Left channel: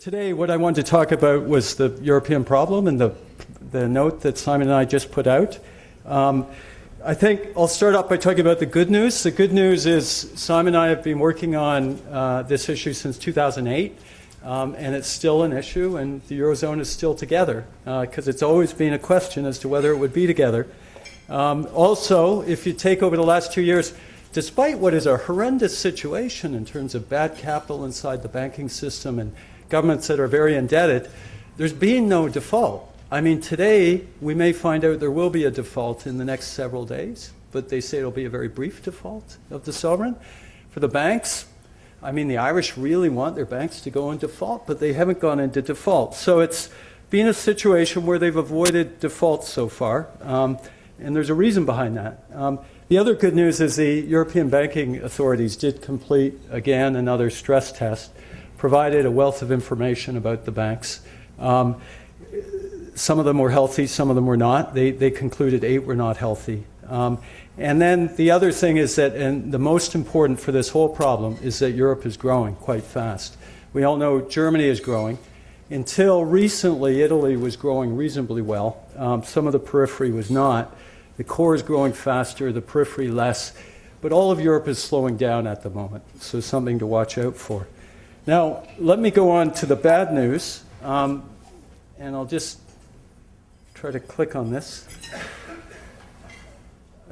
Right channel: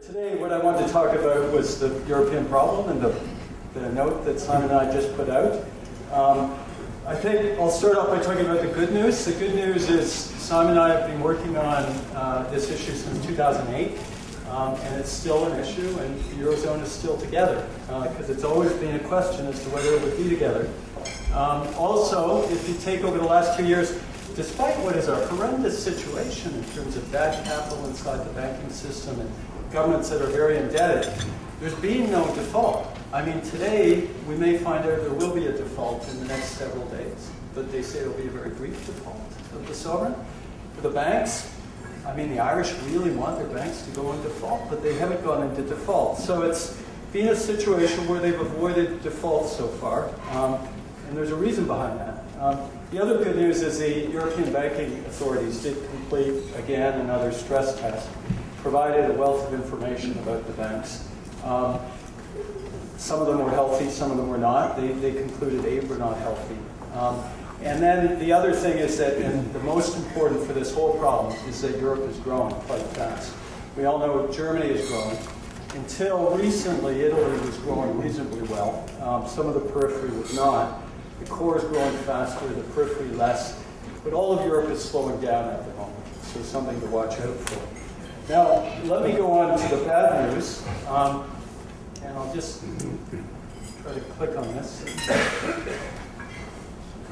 Today, what I wanted to talk about was the European problem and the note that Simon and I just put out. I think I'll start off by talking about the good news. The good news is Simon and I have been working on this issue since 2008, and it's still an issue, and the Eurozone is still together, because it's always been a question as to whether it would be together. Also, if you take over the last 2 years, despite what is a horrendous situation in terms of bad capital inside the banking system and governments that are very indebted, there's been no default. I mean, today we may find out there will be a default in the next several days, but they say it'll be a very brief default of the sovereign. For the banks, I mean, the Irish really want their banks to go in default, but they haven't gone into default. So it's been a situation where they've avoided default so far, and there's a reason behind that. The other good news is the European banking authorities did complete, again, another stress test, provided a wealth of information about the banks. Some of them were healthy, some of them were not. They concluded 8 were not healthy. And then the other thing is that, and the most important for this whole problem, is that Europe is growing quite fast. We all know Germany is growing. Until recently, Italy was growing reasonably well. Some of the periphery was not. The core is growing faster, the periphery less. But all of Europe is slowing down at the moment, so something to watch out for. Now, let me go on to the bad news, and I'll just try to click on this.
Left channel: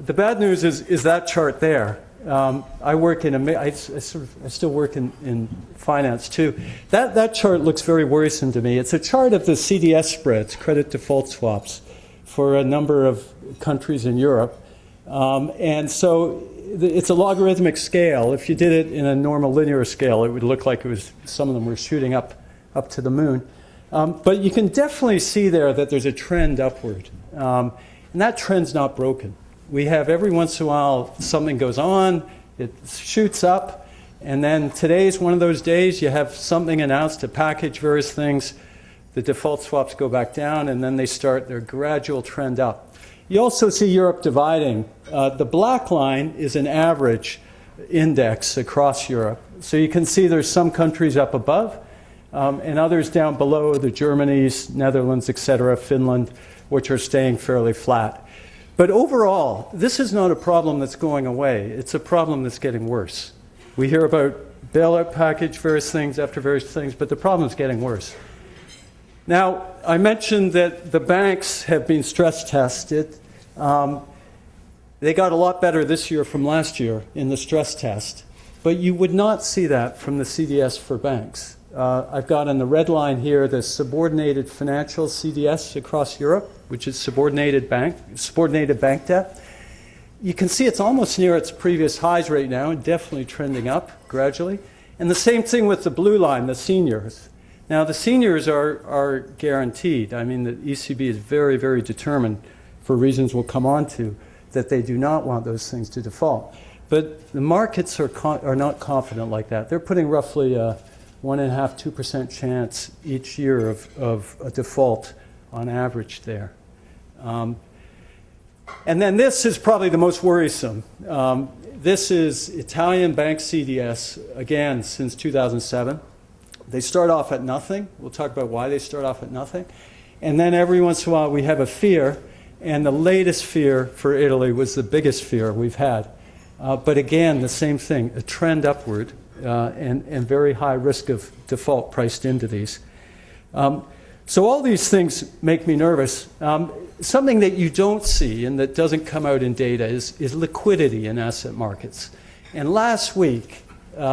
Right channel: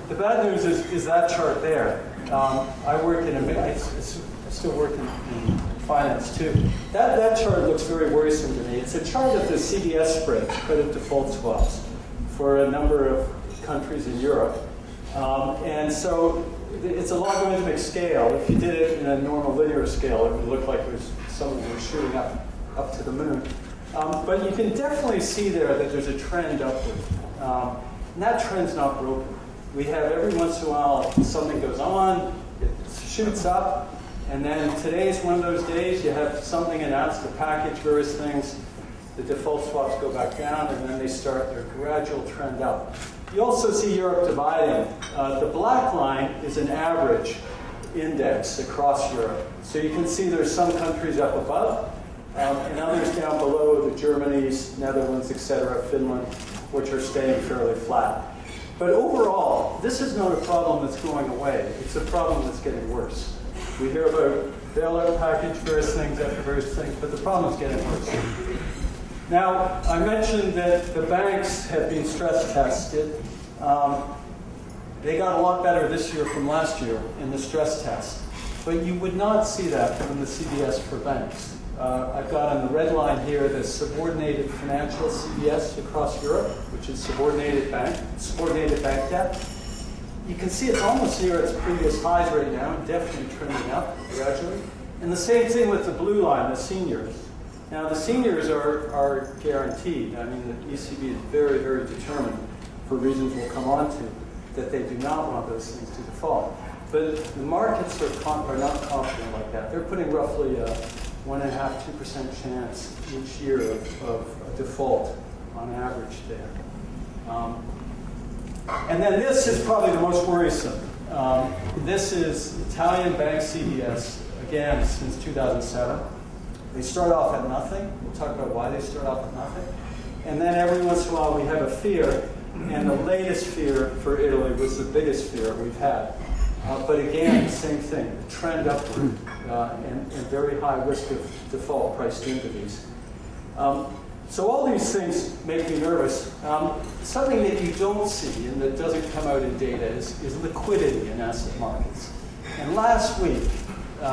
The bad news is that chart there. I work I still work in finance too. That chart looks very worrisome to me. It's a chart of the CDS spreads, credit default swaps, for a number of countries in Europe. And so it's a logarithmic scale. If you did it in a normal linear scale, it would look like it was, some of them were shooting up to the moon. But you can definitely see there that there's a trend upward. And that trend's not broken. We have every once in a while something goes on, it shoots up, and then today's one of those days you have something announced to package various things, the default swaps go back down, and then they start their gradual trend up. You also see Europe dividing. The black line is an average index across Europe. So you can see there's some countries up above and others down below, the Germanys, Netherlands, etc., Finland, which are staying fairly flat. But overall, this is not a problem that's going away. It's a problem that's getting worse. We hear about bailout package, various things after various things, but the problem's getting worse. Now, I mentioned that the banks have been stress tested. They got a lot better this year from last year in the stress test, but you would not see that from the CDS for banks. I've got on the red line here the subordinated financial CDS across Europe, which is subordinated bank debt. You can see it's almost near its previous highs right now, and definitely trending up gradually. And the same thing with the blue line, the seniors. Now, the seniors are guaranteed. I mean, the ECB is very, very determined, for reasons we'll come on to, that they do not want those things to default. But the markets are not confident like that. They're putting roughly a 1.5%, 2% chance each year of a default on average there. And then this is probably the most worrisome. This is Italian bank CDS, again, since 2007. They start off at nothing. We'll talk about why they start off at nothing. And then every once in a while we have a fear, and the latest fear for Italy was the biggest fear we've had. But again, the same thing, a trend upward and very high risk of default priced into these. So all these things make me nervous. Something that you don't see and that doesn't come out in data is liquidity in asset markets. And last week,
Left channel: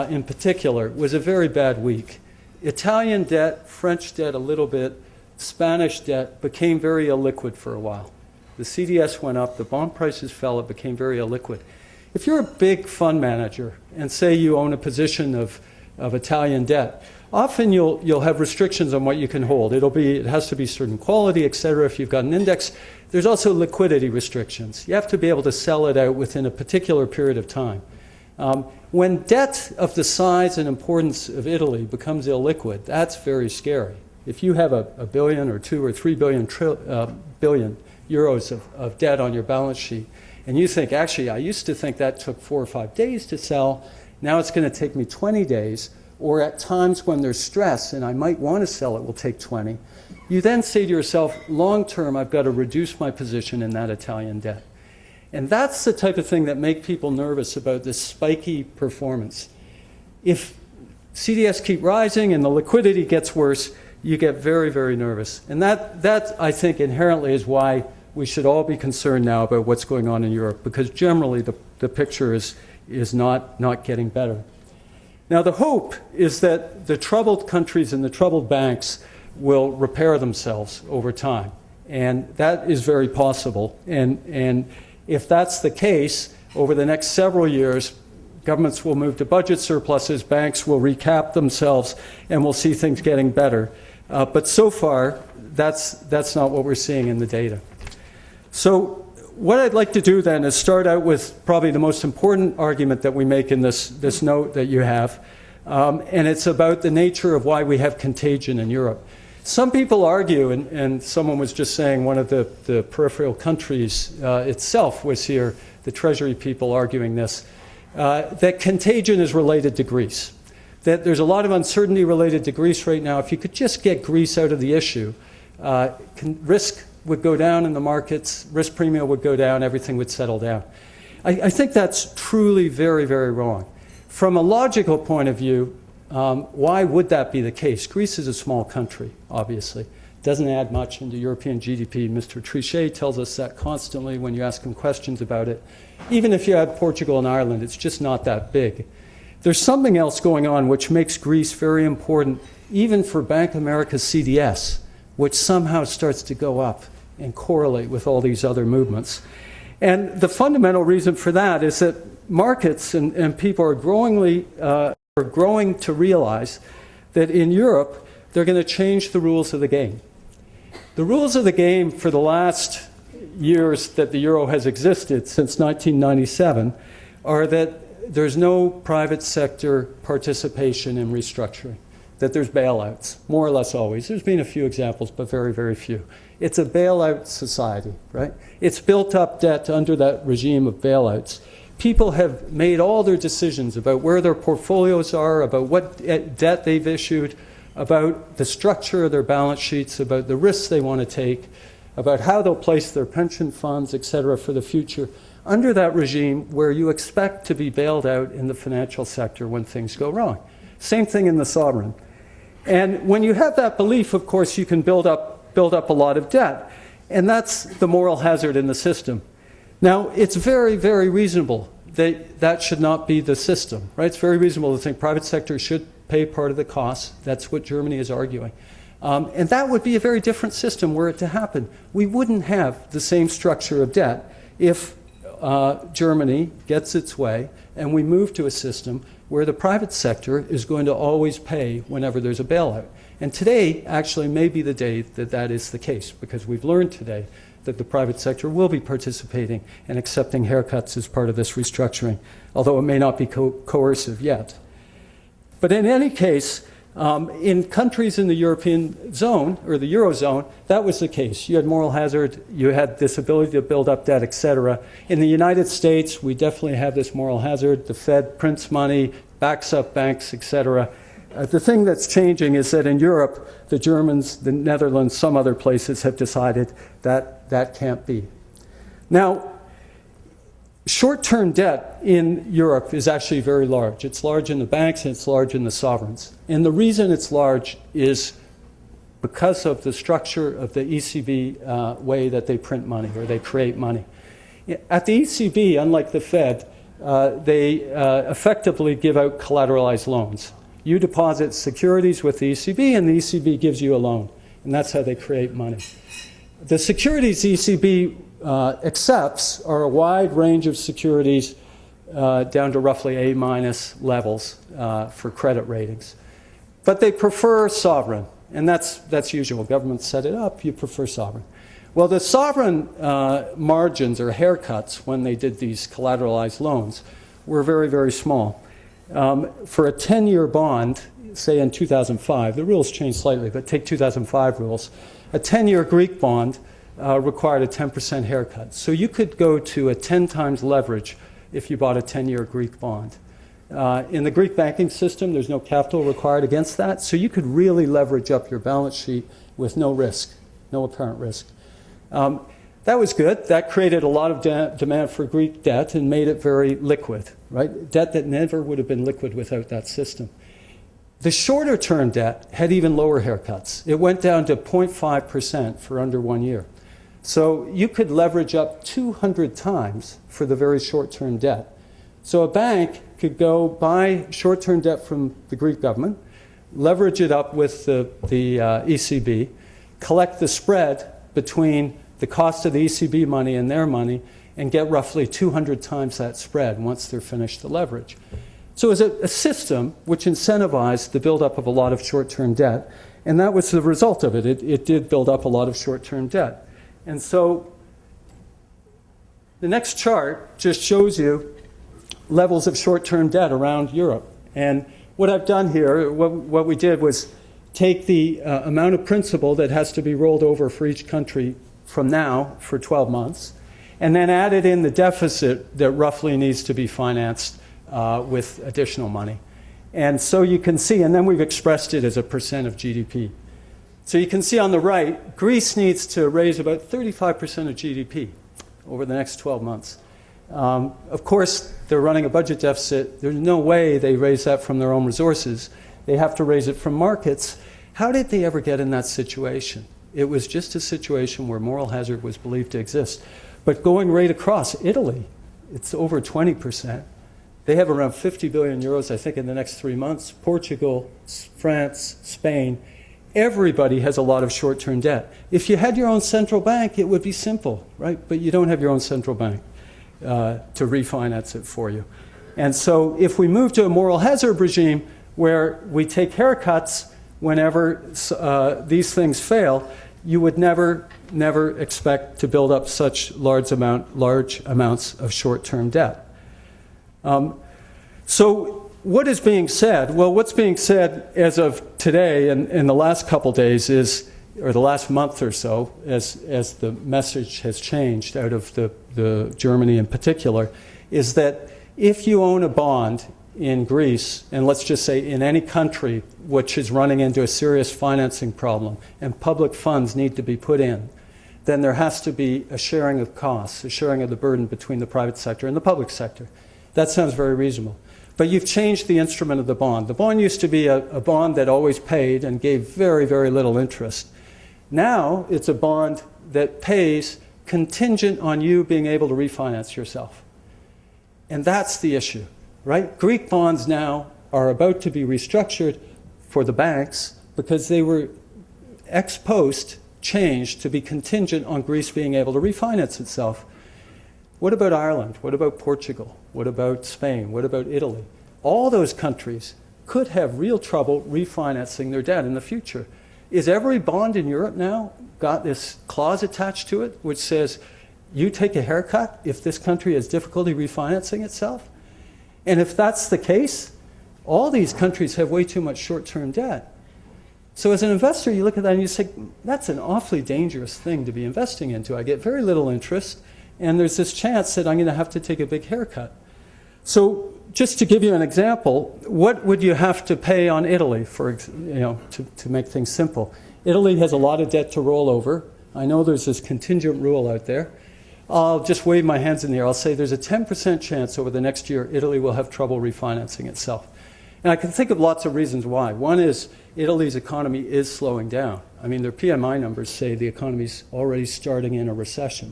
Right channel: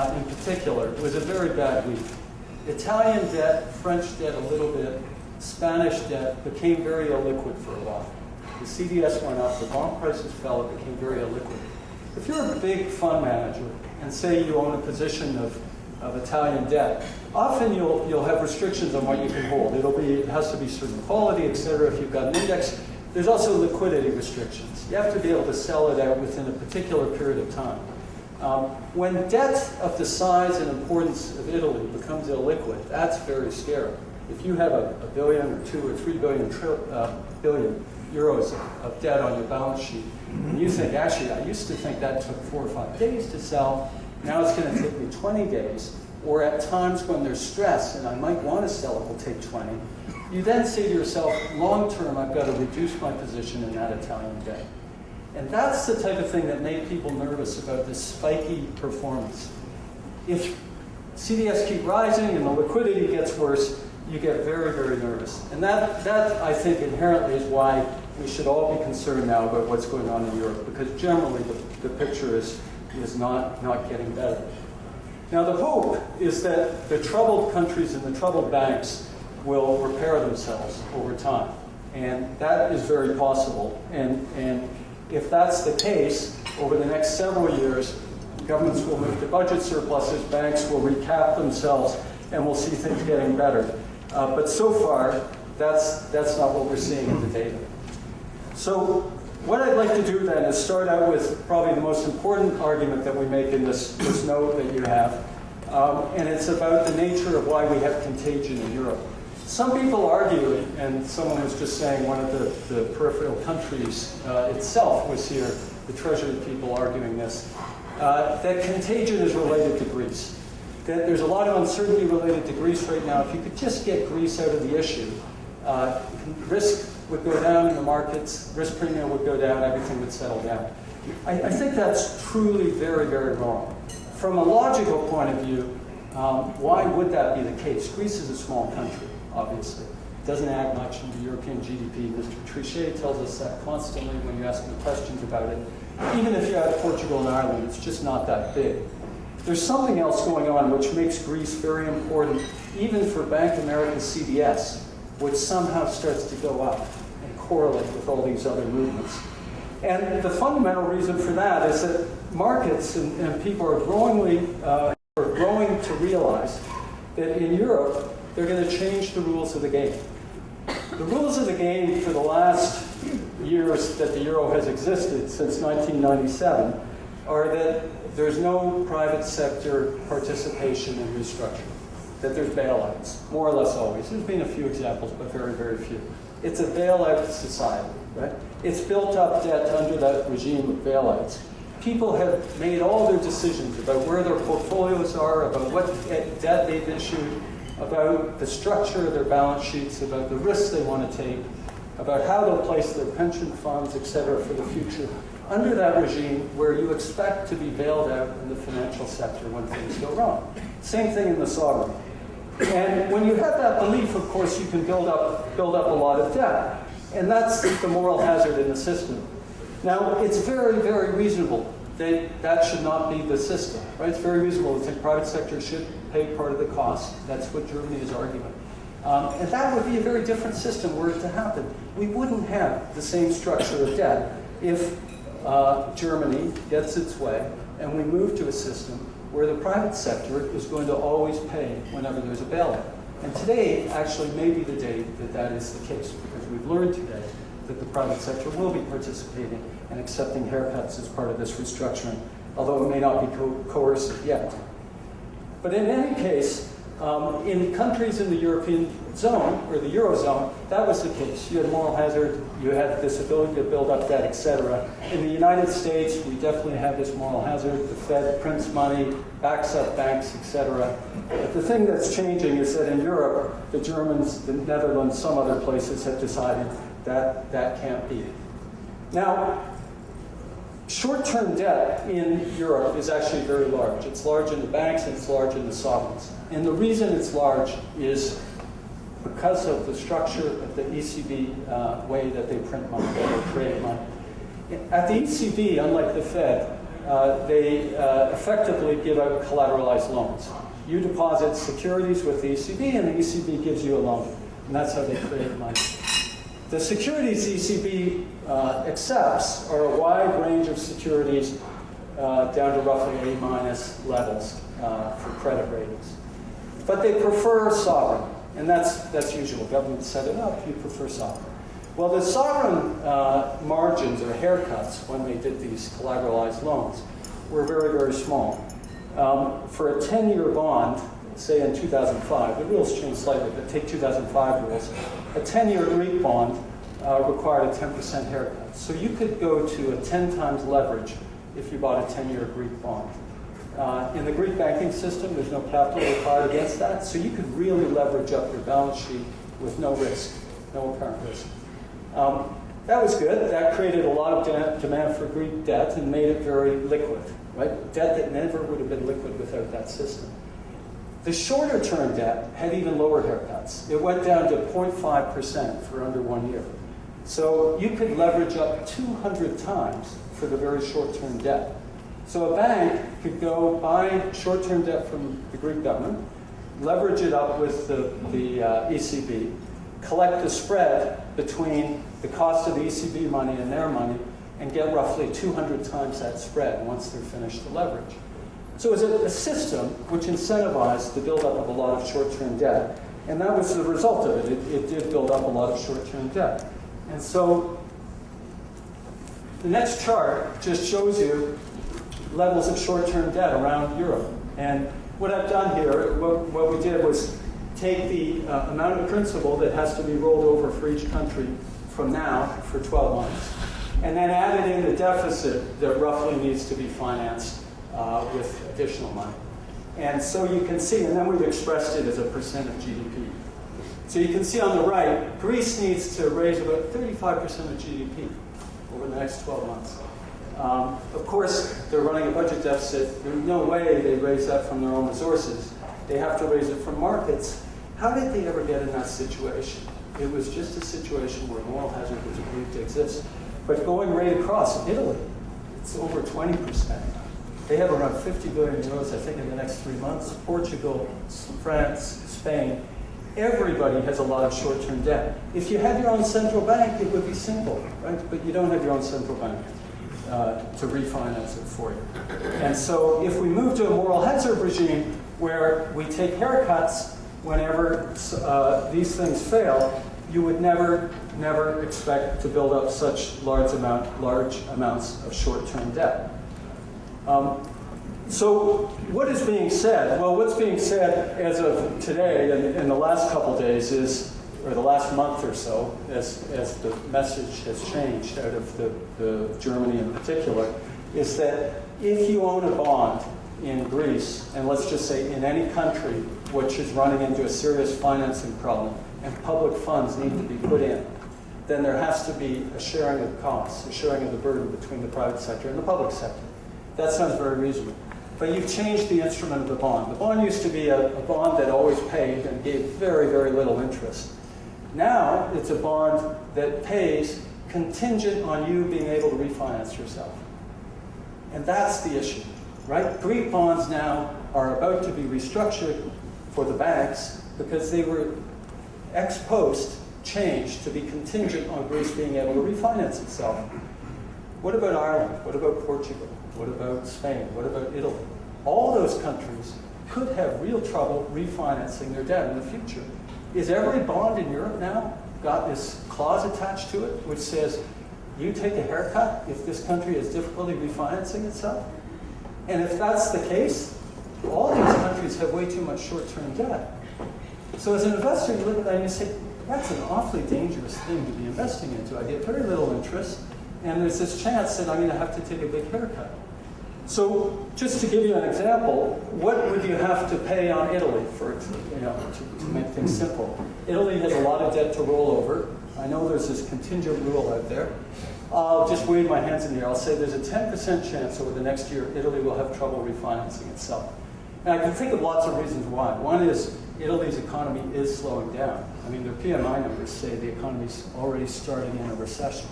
in particular, was a very bad week. Italian debt, French debt a little bit, Spanish debt became very illiquid for a while. The CDS went up, the bond prices fell, it became very illiquid. If you're a big fund manager and say you own a position of Italian debt, often you'll have restrictions on what you can hold. It has to be certain quality, etc. If you've got an index, there's also liquidity restrictions. You have to be able to sell it out within a particular period of time. When debt of the size and importance of Italy becomes illiquid, that's very scary. If you have a billion or 2 or 3 billion euros of debt on your balance sheet, and you think, actually, I used to think that took 4 or 5 days to sell, now it's going to take me 20 days, or at times when there's stress and I might want to sell it will take 20, you then say to yourself, long term, I've got to reduce my position in that Italian debt. And that's the type of thing that makes people nervous about this spiky performance. If CDS keep rising and the liquidity gets worse, you get very, very nervous. And that I think, inherently is why we should all be concerned now about what's going on in Europe, because generally the picture is not getting better. Now, the hope is that the troubled countries and the troubled banks will repair themselves over time. And that is very possible. And if that's the case, over the next several years, governments will move to budget surpluses, banks will recap themselves, and we'll see things getting better. But so far, that's not what we're seeing in the data. So what I'd like to do then is start out with probably the most important argument that we make in this note that you have. And it's about the nature of why we have contagion in Europe. Some people argue, and someone was just saying one of the peripheral countries itself was here, the Treasury people arguing this, that contagion is related to Greece. That there's a lot of uncertainty related to Greece right now. If you could just get Greece out of the issue, risk would go down in the markets, risk premium would go down, everything would settle down. I think that's truly very, very wrong. From a logical point of view, why would that be the case? Greece is a small country, obviously. Doesn't add much into European GDP. Mr. Trichet tells us that constantly when you ask him questions about it. Even if you have Portugal and Ireland, it's just not that big. There's something else going on which makes Greece very important, even for Bank of America's CDS, which somehow starts to go up and correlate with all these other movements. And the fundamental reason for that is that markets and people are growing to realize that in Europe, they're going to change the rules of the game. The rules of the game for the last years that the euro has existed, since 1997, are that there's no private sector participation in restructuring, that there's bailouts, more or less always. There's been a few examples, but very, very few. It's a bailout society, right? It's built up debt under that regime of bailouts. People have made all their decisions about where their portfolios are, about what debt they've issued, about the structure of their balance sheets, about the risks they want to take, about how they'll place their pension funds, et cetera, for the future, under that regime where you expect to be bailed out in the financial sector when things go wrong. Same thing in the sovereign. And when you have that belief, of course, you can build up a lot of debt. And that's the moral hazard in the system. Now, it's very, very reasonable that that should not be the system, right? It's very reasonable to think private sector should pay part of the cost. That's what Germany is arguing. And that would be a very different system were it to happen. We wouldn't have the same structure of debt if Germany gets its way and we move to a system where the private sector is going to always pay whenever there's a bailout. And today actually may be the day that that is the case, because we've learned today that the private sector will be participating and accepting haircuts as part of this restructuring, although it may not be coercive yet. But in any case, in countries in the European zone, or the Eurozone, that was the case. You had moral hazard, you had this ability to build up debt, et cetera. In the United States, we definitely have this moral hazard. The Fed prints money, backs up banks, et cetera. The thing that's changing is that in Europe, the Germans, the Netherlands, some other places have decided that that can't be. Now, short-term debt in Europe is actually very large. It's large in the banks and it's large in the sovereigns. And the reason it's large is because of the structure of the ECB way that they print money, that they create money. At the ECB, unlike the Fed, they effectively give out collateralized loans. You deposit securities with the ECB and the ECB gives you a loan. And that's how they create money. The securities ECB accepts are a wide range of securities down to roughly A- levels for credit ratings. But they prefer sovereign, and that's usual. Governments set it up, you prefer sovereign. Well, the sovereign margins or haircuts when they did these collateralized loans were very, very small. For a 10-year bond, say in 2005, the rules changed slightly, but take 2005 rules, a 10-year Greek bond required a 10% haircut. So you could go to a 10 times leverage if you bought a 10-year Greek bond. In the Greek banking system, there's no capital required against that, so you could really leverage up your balance sheet with no risk, no apparent risk. That was good. That created a lot of demand for Greek debt and made it very liquid, right? Debt that never would have been liquid without that system. The shorter term debt had even lower haircuts. It went down to 0.5% for under 1 year. So you could leverage up 200 times for the very short-term debt. So a bank could go buy short-term debt from the Greek government, leverage it up with the ECB, collect the spread between the cost of the ECB money and their money, and get roughly 200 times that spread once they're finished the leverage. So it was a system which incentivized the buildup of a lot of short-term debt, and that was the result of it. It did build up a lot of short-term debt. And so the next chart just shows you levels of short-term debt around Europe. And what I've done here, what we did was take the amount of principal that has to be rolled over for each country from now for 12 months, and then added in the deficit that roughly needs to be financed with additional money. And so you can see, and then we've expressed it as a percent of GDP. So you can see on the right, Greece needs to raise about 35% of GDP over the next 12 months. Of course, they're running a budget deficit. There's no way they raise that from their own resources. They have to raise it from markets. How did they ever get in that situation? It was just a situation where moral hazard was believed to exist. But going right across, Italy, it's over 20%. They have around 50 billion euros, I think, in the next 3 months. Portugal, France, Spain, everybody has a lot of short-term debt. If you had your own central bank, it would be simple, right? But you don't have your own central bank to refinance it for you. And so if we move to a moral hazard regime where we take haircuts whenever these things fail, you would never expect to build up such large amounts of short-term debt. So what is being said? Well, what's being said as of today and in the last couple days is, or the last month or so, as the message has changed out of the Germany in particular, is that if you own a bond in Greece, and let's just say in any country which is running into a serious financing problem and public funds need to be put in, then there has to be a sharing of costs, a sharing of the burden between the private sector and the public sector. That sounds very reasonable. But you've changed the instrument of the bond. The bond used to be a bond that always paid and gave very, very little interest. Now it's a bond that pays contingent on you being able to refinance yourself. And that's the issue, right? Greek bonds now are about to be restructured for the banks because they were ex post changed to be contingent on Greece being able to refinance itself. What about Ireland? What about Portugal? What about Spain? What about Italy? All those countries could have real trouble refinancing their debt in the future. Is every bond in Europe now got this clause attached to it which says you take a haircut if this country has difficulty refinancing itself? And if that's the case, all these countries have way too much short-term debt. So as an investor, you look at that and you say, that's an awfully dangerous thing to be investing into. I get very little interest, and there's this chance that I'm going to have to take a big haircut. So just to give you an example, what would you have to pay on Italy to make things simple? Italy has a lot of debt to roll over. I know there's this contingent rule out there. I'll just wave my hands in the air. I'll say there's a 10% chance over the next year Italy will have trouble refinancing itself. And I can think of lots of reasons why. One is Italy's economy is slowing down. I mean, their PMI numbers say the economy's already starting in a recession.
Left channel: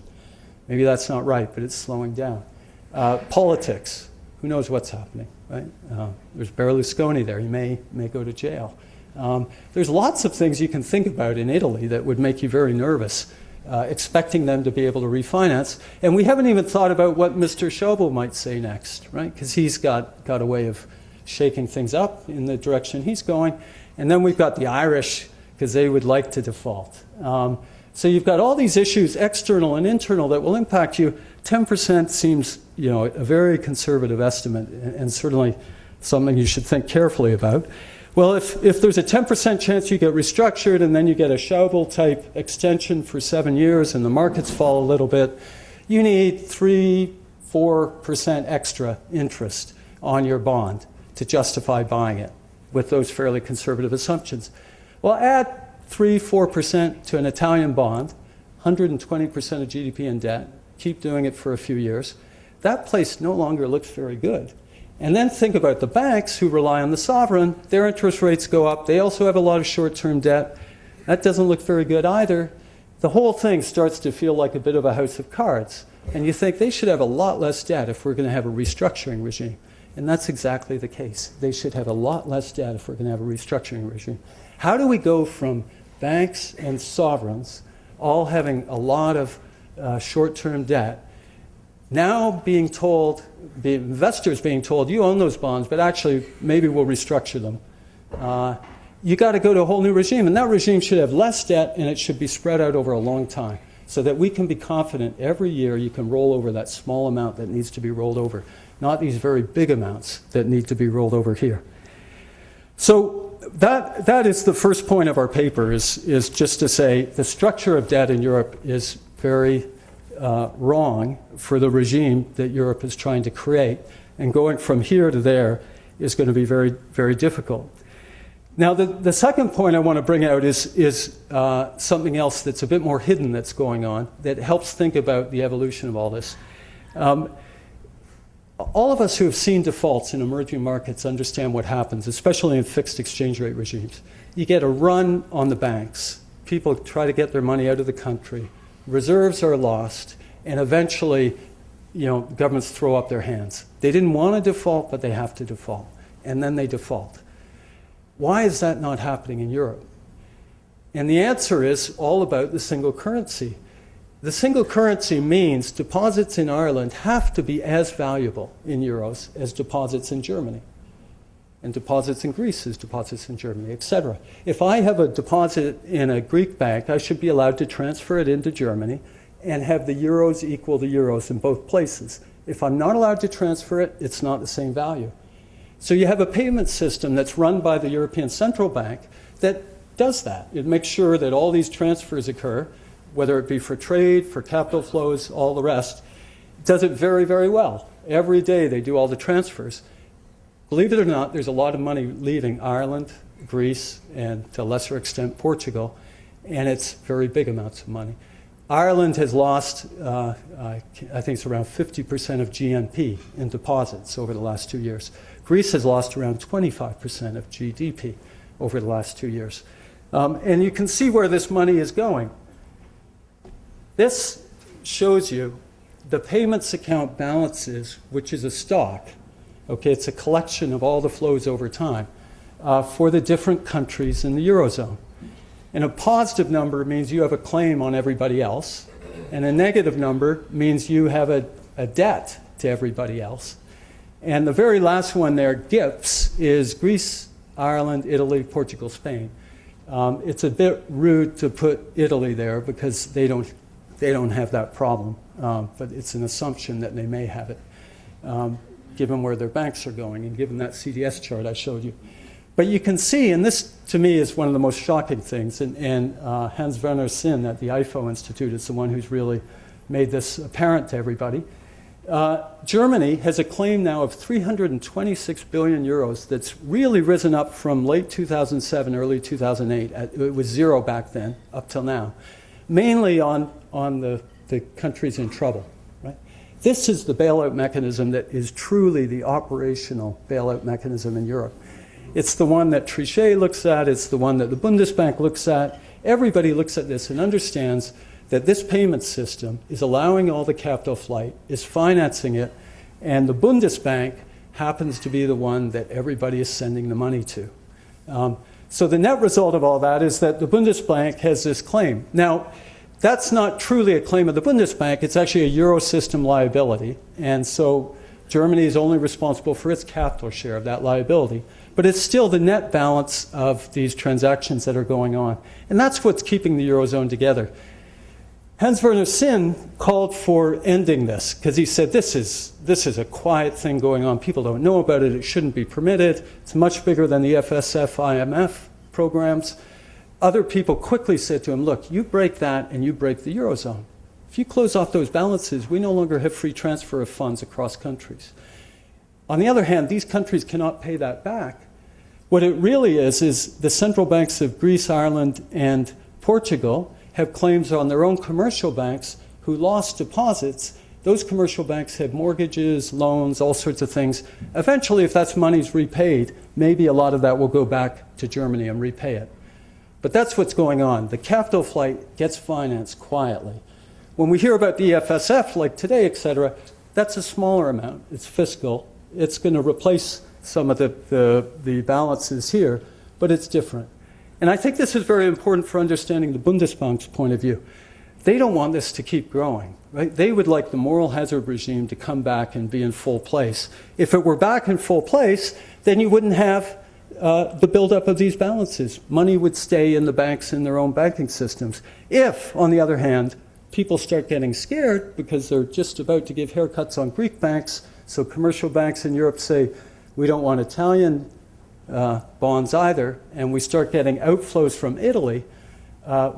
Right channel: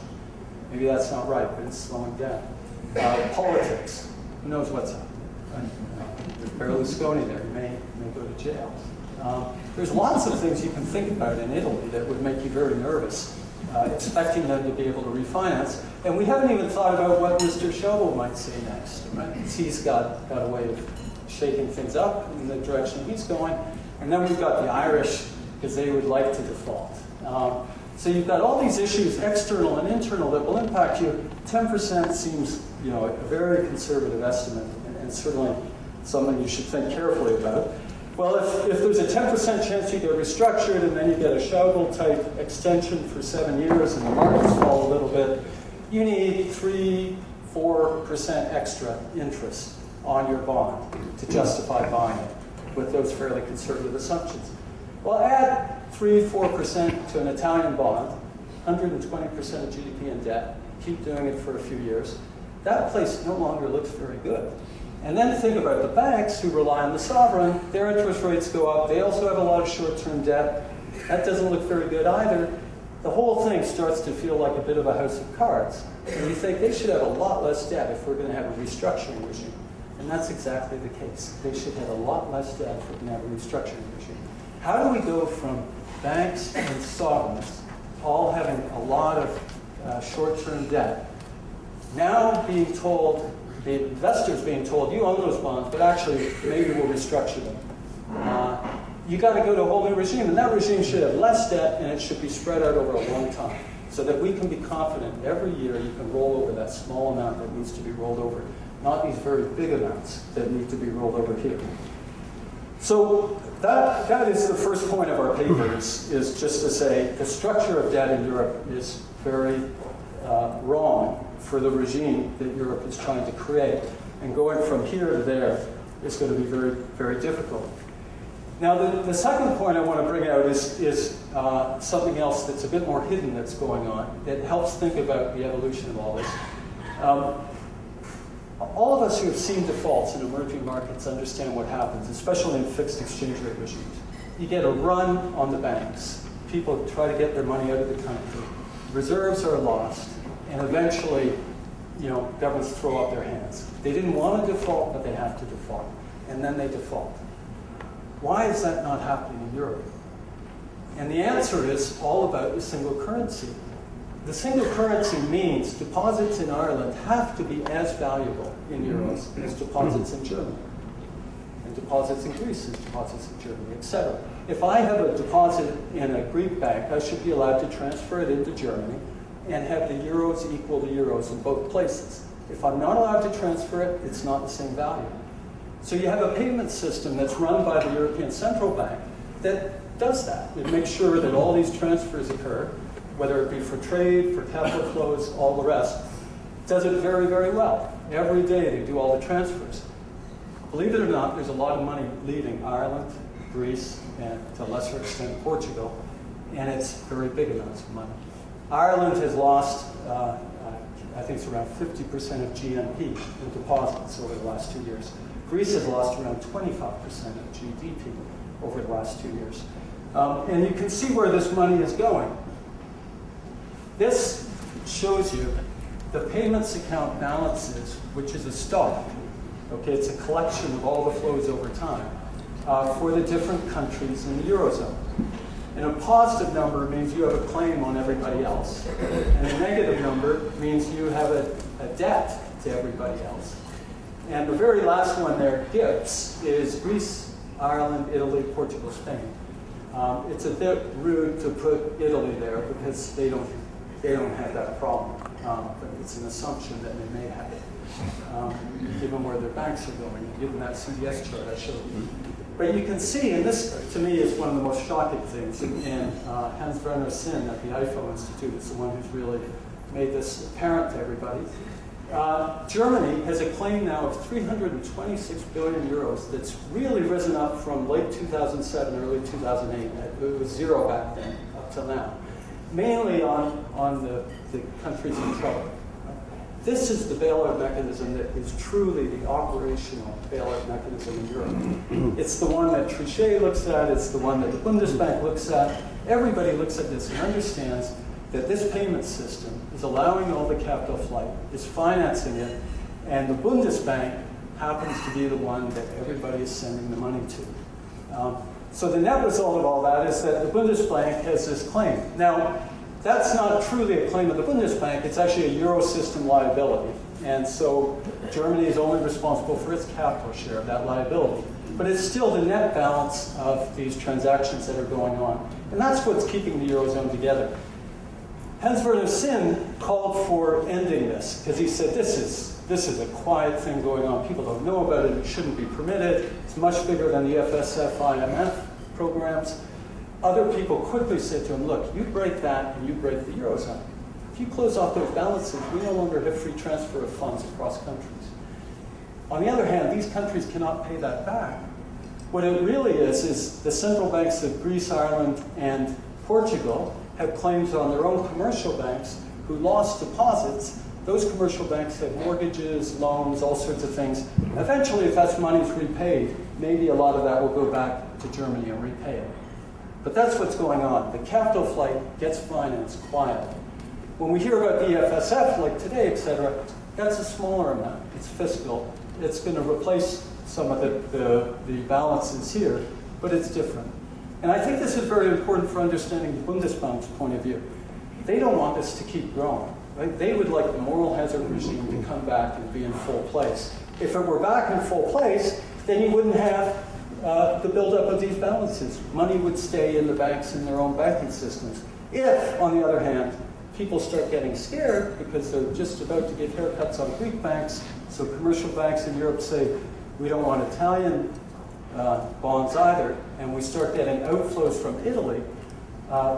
Maybe that's not right, but it's slowing down. Politics. Who knows what's happening, right? There's Berlusconi there. He may go to jail. There's lots of things you can think about in Italy that would make you very nervous, expecting them to be able to refinance. And we haven't even thought about what Mr. Schäuble might say next, right? Because he's got a way of shaking things up in the direction he's going. And then we've got the Irish, because they would like to default. So you've got all these issues, external and internal, that will impact you. 10% seems, a very conservative estimate, and certainly something you should think carefully about. Well, if there's a 10% chance you get restructured and then you get a Schäuble-type extension for 7 years and the markets fall a little bit, you need 3-4% extra interest. on your bond to justify buying it with those fairly conservative assumptions. Well, add 3-4% to an Italian bond, 120% of GDP in debt, keep doing it for a few years. That place no longer looks very good. And then think about the banks who rely on the sovereign. Their interest rates go up. They also have a lot of short-term debt. That doesn't look very good either. The whole thing starts to feel like a bit of a house of cards. And you think they should have a lot less debt if we're going to have a restructuring regime. And that's exactly the case. They should have a lot less debt if we're going to have a restructuring regime. How do we go from banks and sovereigns all having a lot of short-term debt, now being told, the investors being told, you own those bonds, but actually maybe we'll restructure them. You got to go to a whole new regime, and that regime should have less debt, and it should be spread out over a long time, so that we can be confident every year you can roll over that small amount that needs to be rolled over, not these very big amounts that need to be rolled over here. So that is the first point of our paper, is just to say the structure of debt in Europe is very wrong for the regime that Europe is trying to create, and going from here to there is going to be very, very difficult. Now, the second point I want to bring out is something else that's a bit more hidden that's going on that helps think about the evolution of all this. All of us who have seen defaults in emerging markets understand what happens, especially in fixed exchange rate regimes. You get a run on the banks. People try to get their money out of the country. Reserves are lost, and eventually, governments throw up their hands. They didn't want to default, but they have to default, and then they default. Why is that not happening in Europe? And the answer is all about the single currency. The single currency means deposits in Ireland have to be as valuable in euros as deposits in Germany, and deposits in Greece as deposits in Germany, etc. If I have a deposit in a Greek bank, I should be allowed to transfer it into Germany and have the euros equal the euros in both places. If I'm not allowed to transfer it, it's not the same value. So you have a payment system that's run by the European Central Bank that does that. It makes sure that all these transfers occur, whether it be for trade, for capital flows, all the rest. It does it very, very well. Every day they do all the transfers. Believe it or not, there's a lot of money leaving Ireland, Greece, and to a lesser extent Portugal, and it's very big amounts of money. Ireland has lost, I think it's around 50% of GNP in deposits over the last 2 years. Greece has lost around 25% of GDP over the last 2 years. And you can see where this money is going. This shows you the payments account balances, which is a stock. Okay, it's a collection of all the flows over time for the different countries in the Eurozone. And a positive number means you have a claim on everybody else, and a negative number means you have a debt to everybody else. And the very last one there, GIPS, is Greece, Ireland, Italy, Portugal, Spain. It's a bit rude to put Italy there because they don't have that problem, but it's an assumption that they may have it, given where their banks are going and given that CDS chart I showed you. But you can see, and this to me is one of the most shocking things, and Hans-Werner Sinn at the IFO Institute is the one who's really made this apparent to everybody. Germany has a claim now of 326 billion euros that's really risen up from late 2007, early 2008. It was zero back then, up till now. Mainly on the countries in trouble. Right? This is the bailout mechanism that is truly the operational bailout mechanism in Europe. It's the one that Trichet looks at, it's the one that the Bundesbank looks at. Everybody looks at this and understands that this payment system is allowing all the capital flight, is financing it, and the Bundesbank happens to be the one that everybody is sending the money to. So the net result of all that is that the Bundesbank has this claim. Now, that's not truly a claim of the Bundesbank, it's actually a Eurosystem liability, and so Germany is only responsible for its capital share of that liability. But it's still the net balance of these transactions that are going on. And that's what's keeping the Eurozone together. Hans-Werner Sinn called for ending this because he said this is a quiet thing going on. People don't know about it. It shouldn't be permitted. It's much bigger than the FSF, IMF programs. Other people quickly said to him, look, you break that and you break the Eurozone. If you close off those balances, we no longer have free transfer of funds across countries. On the other hand, these countries cannot pay that back. What it really is the central banks of Greece, Ireland, and Portugal have claims on their own commercial banks who lost deposits. Those commercial banks have mortgages, loans, all sorts of things. Eventually, if that money's repaid, maybe a lot of that will go back to Germany and repay it. But that's what's going on. The capital flight gets financed quietly. When we hear about the EFSF, like today, et cetera, that's a smaller amount. It's fiscal. It's going to replace some of the balances here, but it's different. And I think this is very important for understanding the Bundesbank's point of view. They don't want this to keep growing, right? They would like the moral hazard regime to come back and be in full place. If it were back in full place, then you wouldn't have the buildup of these balances. Money would stay in the banks in their own banking systems. If, on the other hand, people start getting scared because they're just about to give haircuts on Greek banks, so commercial banks in Europe say, we don't want Italian bonds either, and we start getting outflows from Italy,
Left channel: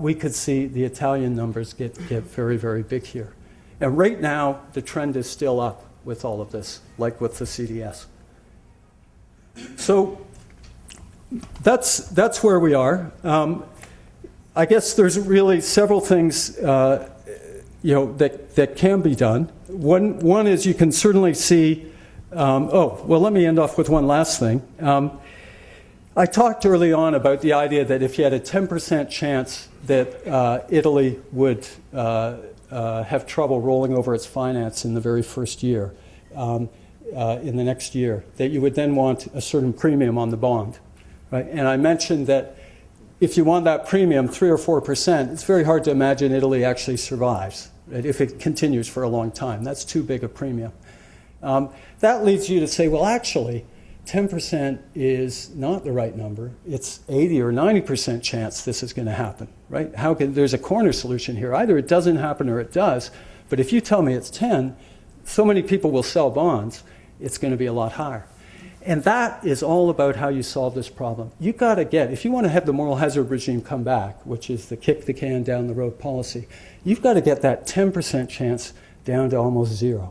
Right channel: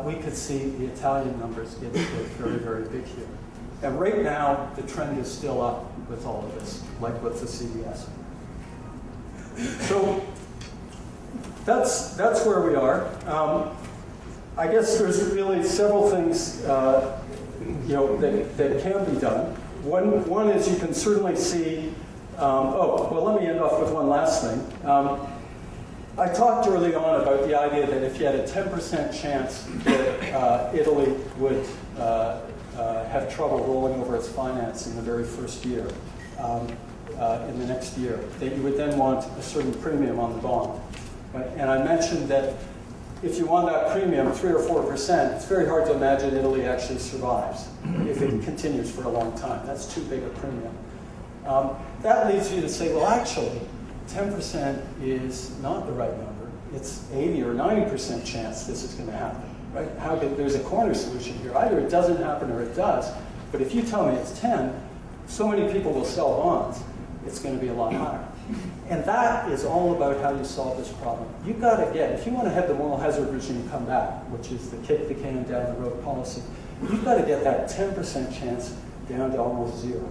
we could see the Italian numbers get very, very big here. And right now, the trend is still up with all of this, like with the CDS. So that's where we are. I guess there's really several things that can be done. One is you can certainly see. Let me end off with one last thing. I talked early on about the idea that if you had a 10% chance that Italy would have trouble rolling over its finance in the very first year, in the next year, that you would then want a certain premium on the bond. Right? And I mentioned that if you want that premium, 3 or 4%, it's very hard to imagine Italy actually survives, right? If it continues for a long time. That's too big a premium. That leads you to say, well, actually, 10% is not the right number. It's 80 or 90% chance this is going to happen, right? There's a corner solution here. Either it doesn't happen or it does. But if you tell me it's 10, so many people will sell bonds, it's going to be a lot higher. And that is all about how you solve this problem. You've got to if you want to have the moral hazard regime come back, which is the kick the can down the road policy, you've got to get that 10% chance down to almost zero.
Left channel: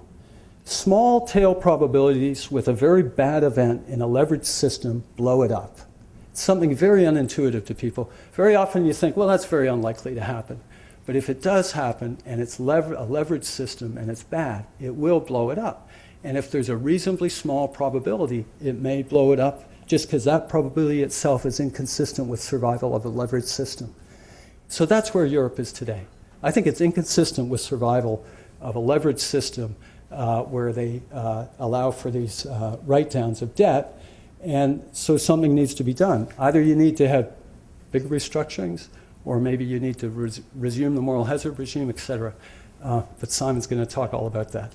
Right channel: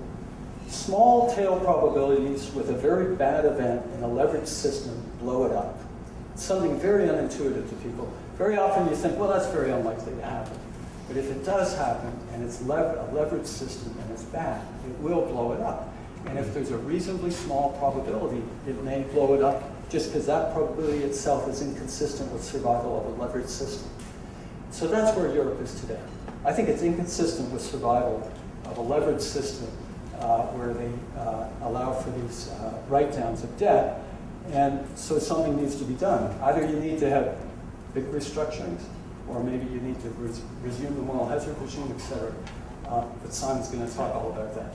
Small tail probabilities with a very bad event in a leveraged system blow it up. It's something very unintuitive to people. Very often you think, well, that's very unlikely to happen. But if it does happen and it's a leveraged system and it's bad, it will blow it up. And if there's a reasonably small probability, it may blow it up just because that probability itself is inconsistent with survival of a leveraged system. So that's where Europe is today. I think it's inconsistent with survival of a leveraged system where they allow for these write-downs of debt. And so something needs to be done. Either you need to have big restructurings, or maybe you need to resume the moral hazard regime, et cetera. But Simon's going to talk all about that.